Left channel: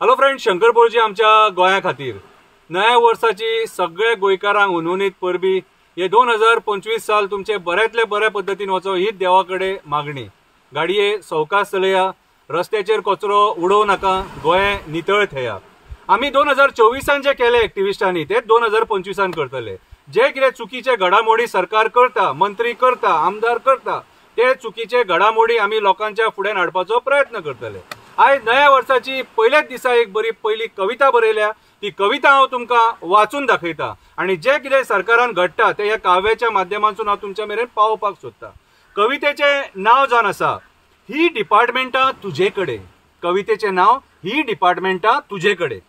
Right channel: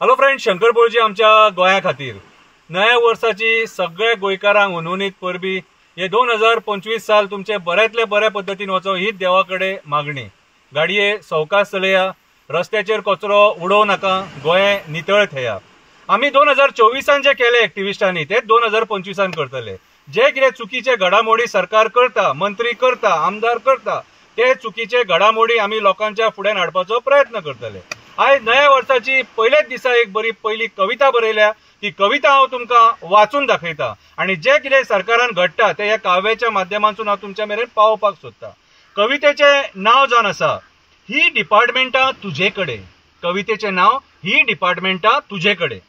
Hello friend, Shankar बोळजी आमच्या गोंया खातीर नव्या वर्साची सगळे गोंयकारांक उनवणीत परबी हे 2025 साल तुमचे बऱ्यातले बऱ्या पद्धतीन वचो हीच देवा कडेन मागणी। गाडये सवकास चलया, रस्त्याचेर कचरो उडोव नाका, गोंय नितळ थेया। आमी 2024 जे केले एक्टिविस्टांनी ते 2025 करतले। जे कितें चुकीचे घडामोडी सरकार करता, मंत्री करता, आमदार करता, ते चुकीचे घडामोडी आमी लोकांच्या फुड्यान हाडपाचो प्रयत्न करतले। आज नव्या वर्साची पहिल्याच दिसा एक बरी पहिली कविता बरयल्या, ती कविता हांव तुमकां वाचून दाखयता आणि जे कितें सरकारान घडटा ते ह्या काव्याच्या माध्यमांतून हांव तुमच्या मेरेन पावोवपाक सोदता। कवितेचें नांव जावन आसा ही डिपार्टमेंटां तुजे कडेन। कवितेचें नांव ही डिपार्टमेंटां तुजे कडेन।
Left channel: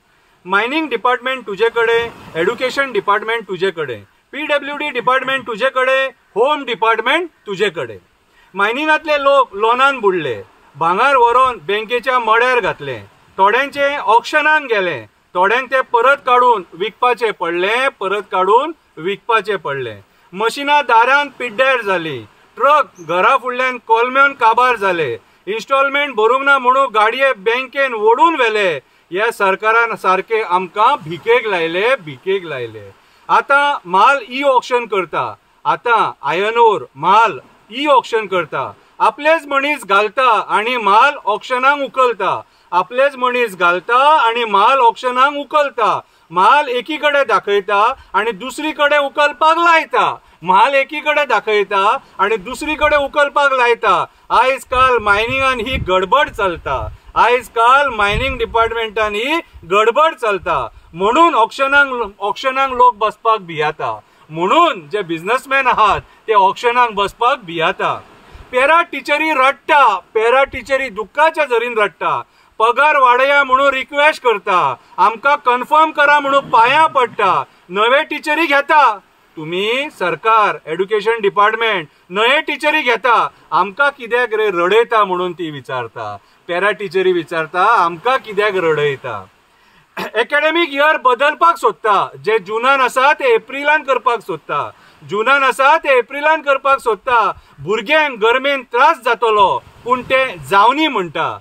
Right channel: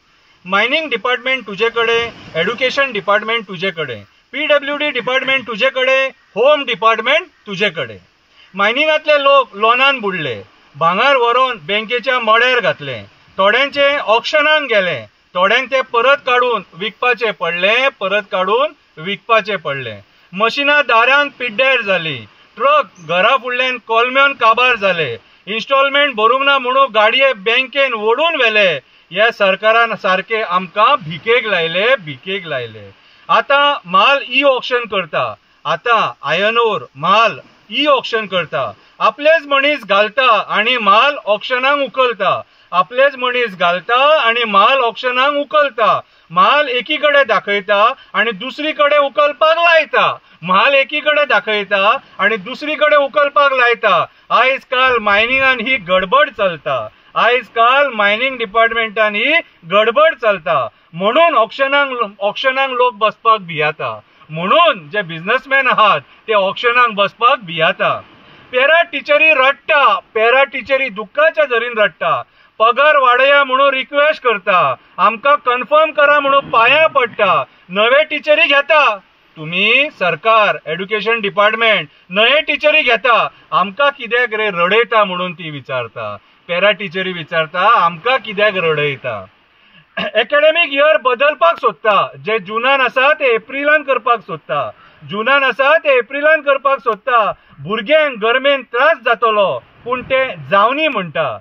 मायनिंग डिपार्टमेंट तुजे कडेन, एड्युकेशन डिपार्टमेंट तुजे कडेन, PWD डिपार्टमेंट तुजे कडेन, होम डिपार्टमेंट तुजे कडेन। मायनिंगांतले लोक लोनान बुडले, भांगार व्हरोन बँकेच्या मड्यार घातले, थोड्यांचे ऑक्शनाक गेले, थोड्यांक ते परत काडून विकपाचे पडले। मशिनां दारान पिड्ड्यार जाली, ट्रक घरा फुडल्यान कोलम्यान काबार जाले, इन्स्टॉलमेंट भरूंक ना म्हणून गाडये बँकेन ओडून व्हेले। ह्या सरकारान सारखे आमकां भिकेक लायले। आता माल ई ऑक्शन करता, आता आयर्न ओर माल ई ऑक्शन करता, आपलेच मनीस घालता आणि माल ऑक्शनाक उखलता, आपलेच मनीस घालता आणि माल ऑक्शनाक उखलता। माल एकीकडे दाखयता आणि दुसरीकडे उखलपाक लायता, माल एकीकडे दाखयता आणि दुसरीकडे उखलपाक लायता। आयज काल मायनिंगान ही गडबड चलता, आयज काल मायनिंग डिपार्टमेंटान ही गडबड चलता, म्हणून ऑक्शनाक लोक बसपाक भियाता, म्हणून जे बिझनेसमॅन आहात ते ऑक्शनाक बसपाक भियाता। पॅरा टिचरी रडटा, पॅरा टिचरी दुःखाच्या झरीन रडटा, पगार वाडया म्हणून रिक्वेस्ट करता, आमकां कन्फर्म करा म्हणून पांयां पडटा। नवे टिचरी घेता तुम्ही, सरकार एड्युकेशन डिपार्टमेंट नवे टिचरी घेता, आमकां कित्याक रे रडयता म्हणून ती विचारता। पॅरा टिचरी विचारता आमकां कित्याक रडयता। एकाडेमीक इयर बदलपाक सोदता, जे जुनान आसा ते एप्रिलान करपाक सोदता, जुनान आसा ते एप्रिलान करपाक सोदता। भुरग्यांक गरमेन त्रास जातलो पूण ते जावनी म्हणटा,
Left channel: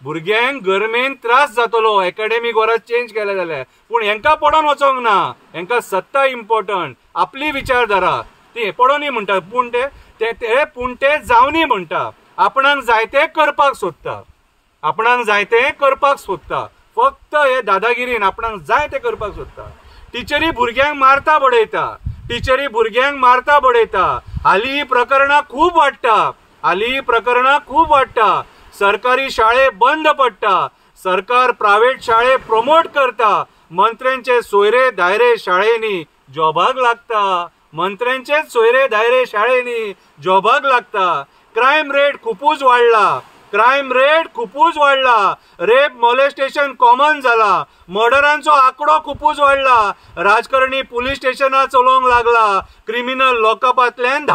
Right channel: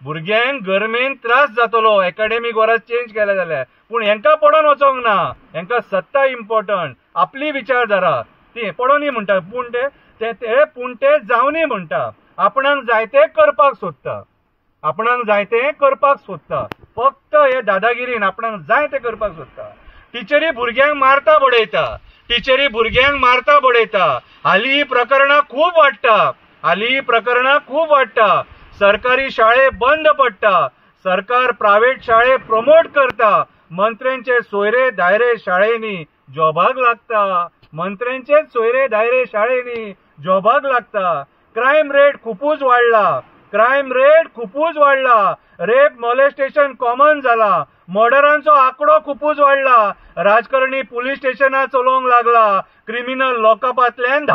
भुरग्यांक गरमेन त्रास जातलो एकाडेमीक वरां चेंज केले जाल्यार, पूण हेंकां पडोन वचोंक ना, हेंकां सत्ता इम्पॉर्टंट, आपली विचारधारा ती पडोनी म्हणटा, पूण ते जावनी म्हणटा। आपणाक जाय ते करपाक सोदता, आपणाक जाय ते करपाक सोदता, फक्त हे दादागिरीन आपणाक जाय ते करपाक सोदता। टिचरी भुरग्यांक मारता बडयता, टिचरी भुरग्यांक मारता बडयता। हालीं ही प्रकरणां खूब वाडटा, सरकारी शाळे बंद पडटा, सरकार प्रायव्हेट शाळे प्रमोट करता, मंत्र्यांचे सोयरे दायरे शाळेंनी जॉबाक लागता, मंत्र्यांचेच सोयरे दायरे शाळेंनी जॉबाक लागता। क्रायम रेट खुपूच वाडला, रेप मॉलेस्टेशन कॉमन जाला, मर्डरांचो आंकडो खुपूच वाडला, राजकारणी पुलीस स्टेशनां चलोवंक लागला, क्रिमिनल लॉकअपांतल्यान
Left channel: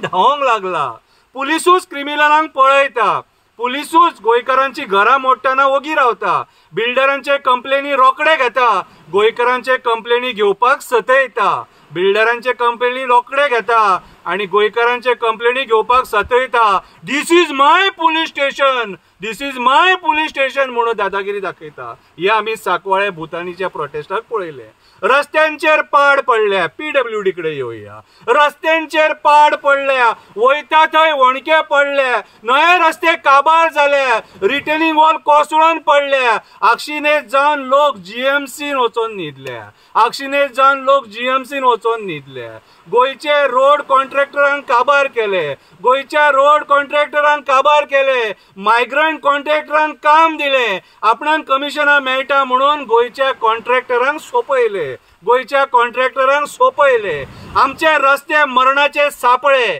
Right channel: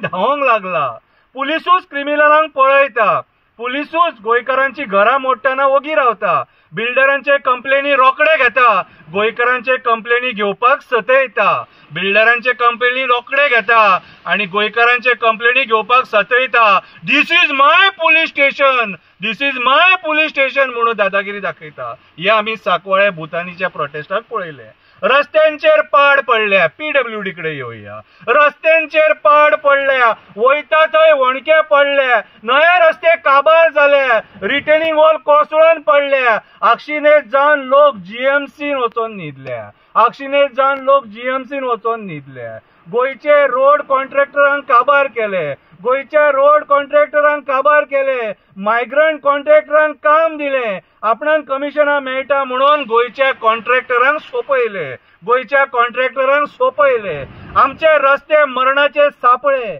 धांवंक लागला, पुलिसूच क्रिमिनलांक पळयता, पुलिसूच गोंयकारांची घरां मोडटना ओगी रावता, बिल्डरांचे कंप्लेनी रोखडे घेता, गोंयकारांचे कंप्लेनी घेवपाक सतयता, बिल्डरांचे कंप्लेनी रोखडे घेता आणि गोंयकारांचे कंप्लेनी घेवपाक सतयता। दिस इज माय पुलीस स्टेशन म्हणून दादागिरी दाखयता। हे आमी साकवाळे भुतानीच्या प्रोटेस्टाक पळयले। रस्त्यांचेर पाड पडल्या, PWD कडे येवया, रस्त्यांचेर पाड पडल्या, वयता थंय वणके पडले, नवे रस्ते काबार जाले, रिटेनिंग वॉल कोसळून पडल्या, आक्षिणेत जावन लोक GMCन वचोन न्हिदल्या, गोंयचे रोड कॉन्ट्रॅक्टरांक काबार केले, मायग्रंट कॉन्ट्रॅक्टरांक काम दिले, आपणाक कमिशनां मेळटा म्हणून गोंयच्या कॉन्ट्रॅक्टरांक सोपयले। आमचे रस्ते मरणाचे सापळे,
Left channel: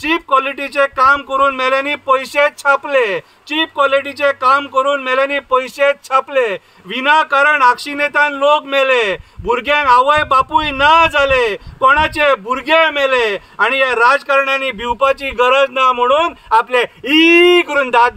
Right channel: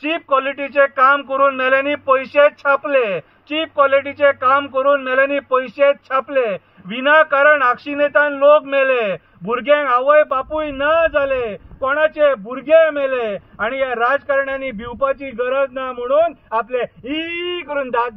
चीप क्वॉलिटीचे काम करून मेल्यांनी पैसे छापले, विनाकारण आक्षिणेतान लोक मेले, भुरग्यांक आवय बापूय ना जाले, कोणाचे भुरगे मेले आणि या राजकारण्यांनी भिवपाची गरज ना म्हणून आपले ई करून दात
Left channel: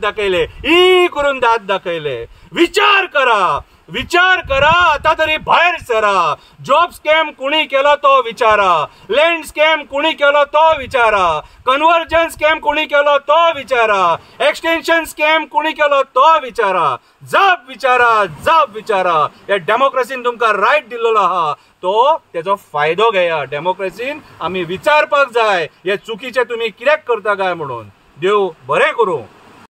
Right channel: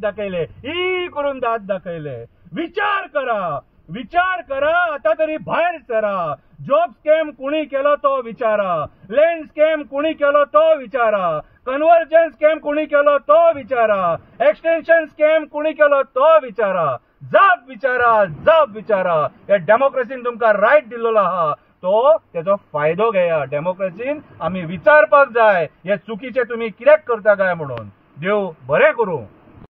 दाखयले। विचार करा, विचार करा, आता तरी भायर सरा. जॉब स्कॅम कुणी केलो तो विचारा, लँड स्कॅम कुणी केलो तो विचारा, कन्वर्जन स्कॅम कुणी केलो तो विचारा, एक्सटेन्शन स्कॅम कुणी केलो तो विचारा. जप विचारा, जप विचारा. या डेमोक्रेसीन तुमकां रायट दिल्लो आहा, तो त्याचो फायदो घेया. डेमोक्रेसीन आमी विचारपाक जाय हे चुकीचे तुम्ही कित्याक करता काय म्हणून. देव बरें करूं.